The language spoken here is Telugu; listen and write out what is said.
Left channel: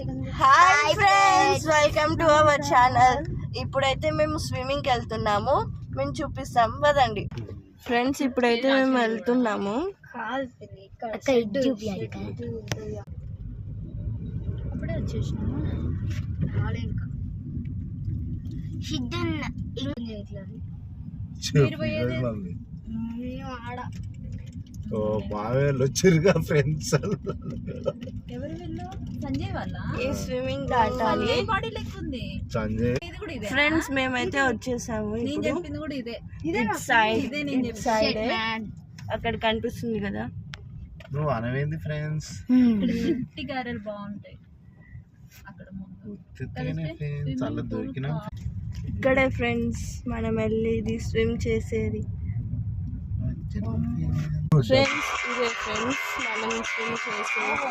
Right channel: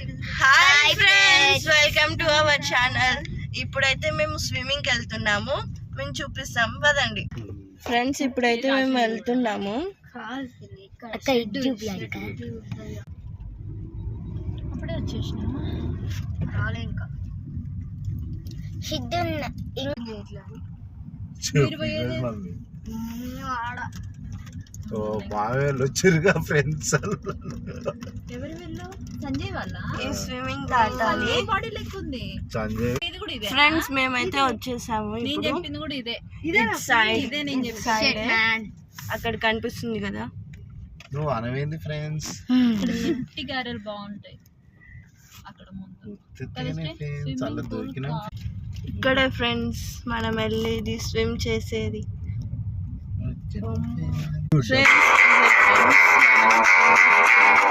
Hi friends, welcome to our channel. ఇప్పుడైతే మేము స్విమ్మింగ్ కి వెళ్తున్నాము, మేము చూపిస్తాం పదండి. ఫ్రెండ్స్ ఇప్పుడైతే మేము వెళ్తున్నాము. అప్పుడే వచ్చేసినామా? రాలే ఇంకా. బాగా వచ్చారుగా ఫ్రెండ్స్. ఎవరు వెళ్ళు? సంజయ్ వాళ్ళ ఈ స్విమ్మింగ్ దాటాలి. బాడీ లెక్క ఉంది. సంజయ్ ఇది కూడా ఇదే. ఫ్రెండ్స్ మేమైతే వచ్చేసాము. నేను చెప్పింది కూడా ఇదే. సైడ్ ఇదే నేను చెప్పేది. అక్కడ కనిపిస్తుంది కదా. నువ్వు అనవేంది ఫ్రెండ్స్? ఇక్కడ గట్టి గారెలు బాగుంటాయి అక్కడ ముందు. చాలా దొరికినాం. ఇక్కడే ఫ్రెండ్స్ మనం వెళ్ళేది స్విమ్ చేసేది. ఫ్రెండ్స్ ఇదే ఫ్రెండ్స్ మనం స్విమ్ చేసేది.